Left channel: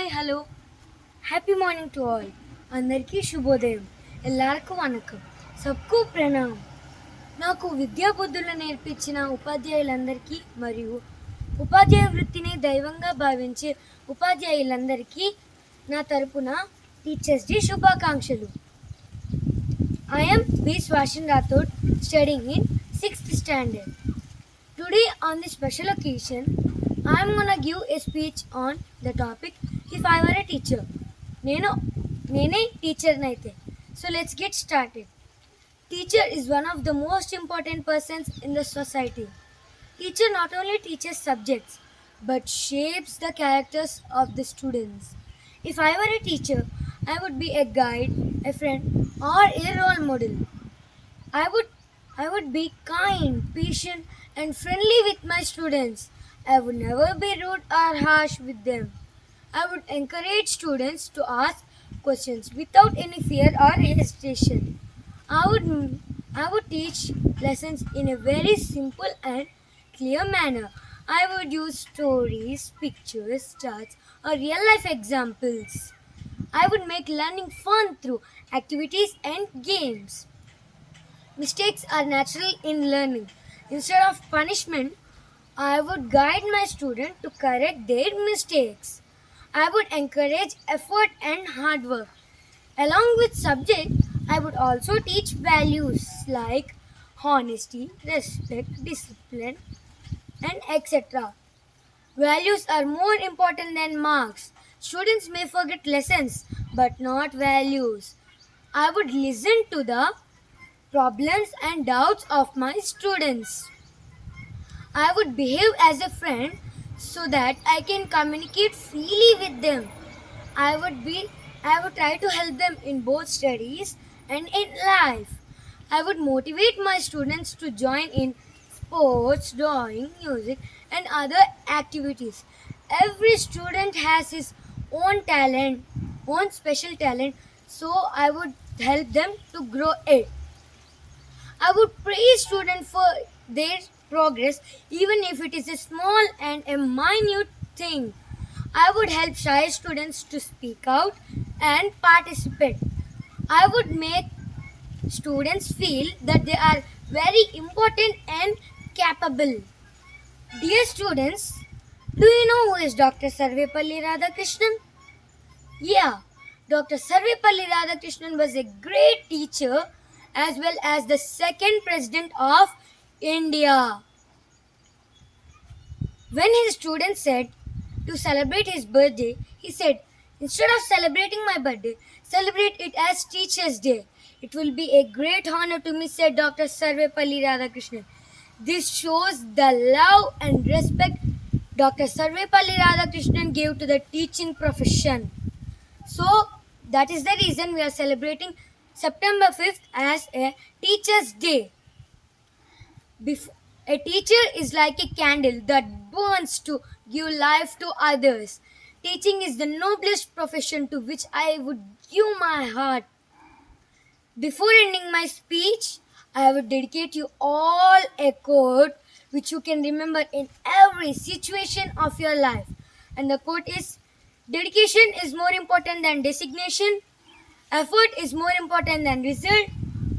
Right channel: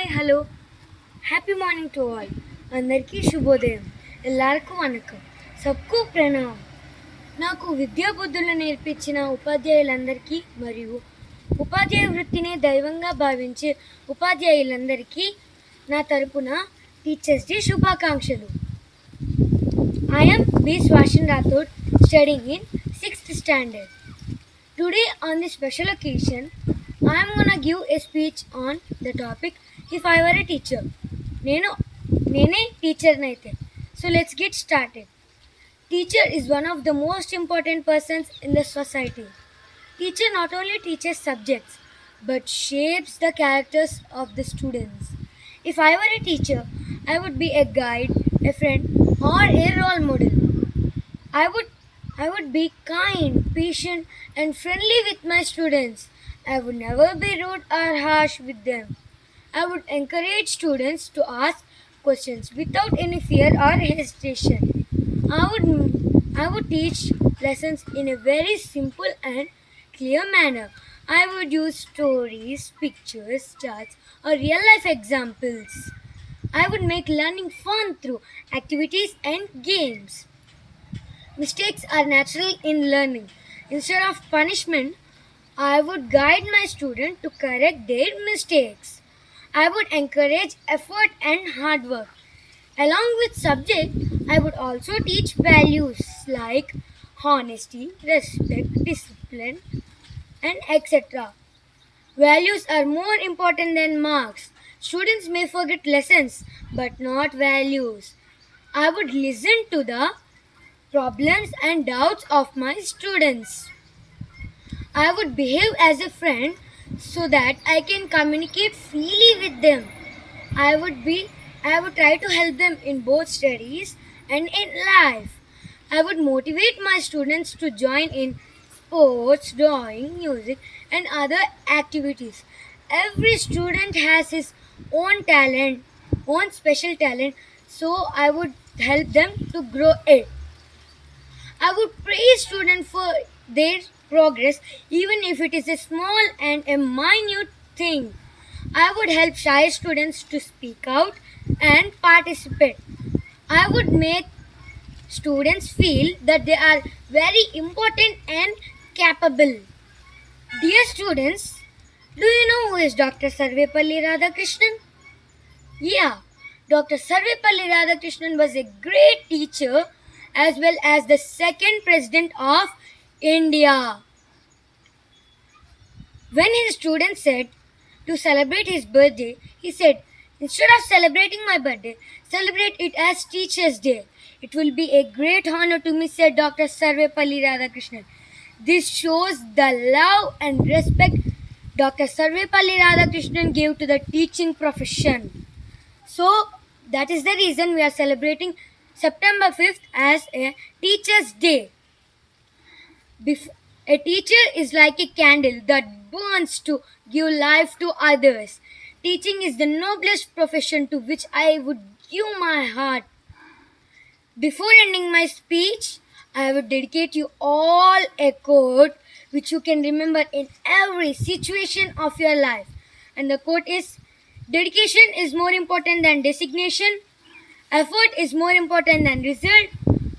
Hi hello happy morning to all అందరికీ శుభోదయం ఎల్లరికూ వణకం సబ్కు ప్రణామ్ నాకు విద్యా బుద్ధులు నేర్పించిన ఉపాధ్యాయులందరికీ మరియు ఉపాధ్యాయ వృత్తిని దైవంగా భావించే ఉపాధ్యాయులందరికీ నా తరపున టీచర్స్ డే శుభాకాంక్షలు. I am B. Swashin Rathod, studying in 6th standard. Today on this special occasion, I am gonna give a speech on the topic if I were a teacher. నేనే టీచర్ నైతే. So let's get started. Teacher is one of the most important persons in the society. Teacher not only teaches subjects but shapes the characters of the students. If I were a teacher, I would be a guide, a friend, or a role model. I would be kind, patient, and friendly with my students. I would never be rude or harsh with them. I would encourage students to ask questions without any fear or hesitation. I would teach lessons in a very simple and clear manner. I would use stories, pictures, charts, or real life examples. I would make learning fun through activities and games. Mistakes are natural in learning. Instead of punishment, I would guide my student to correct their mistakes. I would encourage effort and hard work. Along with subject, I would also teach values like honesty, respect, discipline, and etc. Values are more important than marks. Students may forget lessons, but not values. I would listen to the problems and doubts of my students. I would behave as a friend so that I can communicate freely with them. I would try to help them in both studies and in life. I would motivate my students to join in sports, drawing, music, and other activities. Every student has his own talent, own special talent, so I would help them to grow it. I would praise students for their progress even if it is a small and a minute thing. I would help shy students to speak out and participate. I would make students feel that they are very important and capable. Dear students, do you know who is Dr. Sarvepalli Radhakrishnan? Yeah, Dr. Sarvepalli Radhakrishnan was a great teacher as well as the second president of India. When his students said to celebrate his birthday, he said, instead of celebrating my birthday, celebrate it as Teacher's Day. It will be a great honor to me, said Dr. Sarvepalli Radhakrishnan. This shows the love and respect Dr. Sarvepalli Radhakrishnan gave to the teaching profession. So, that is the reason we are celebrating September 5th as a Teacher's Day. A teacher is like a candle that burns to give life to others. Teaching is the noblest profession to which I would give my heart. Before ending my speech, I would dedicate you all a quote which you can remember in every situation of your life. And the quote is, dedication is more important than designation. Effort is more important than result.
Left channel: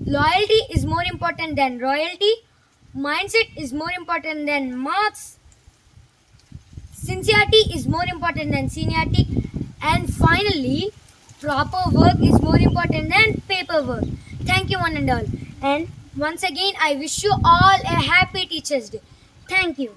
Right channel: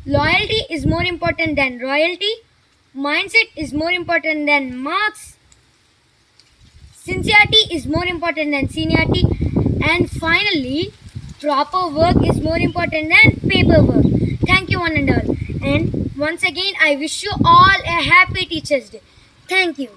Loyalty is more important than royalty. Mindset is more important than marks. Sincerity is more important than seniority. And finally, proper work is more important than paperwork. Thank you one and all. And once again, I wish you all a happy Teacher's Day. Thank you.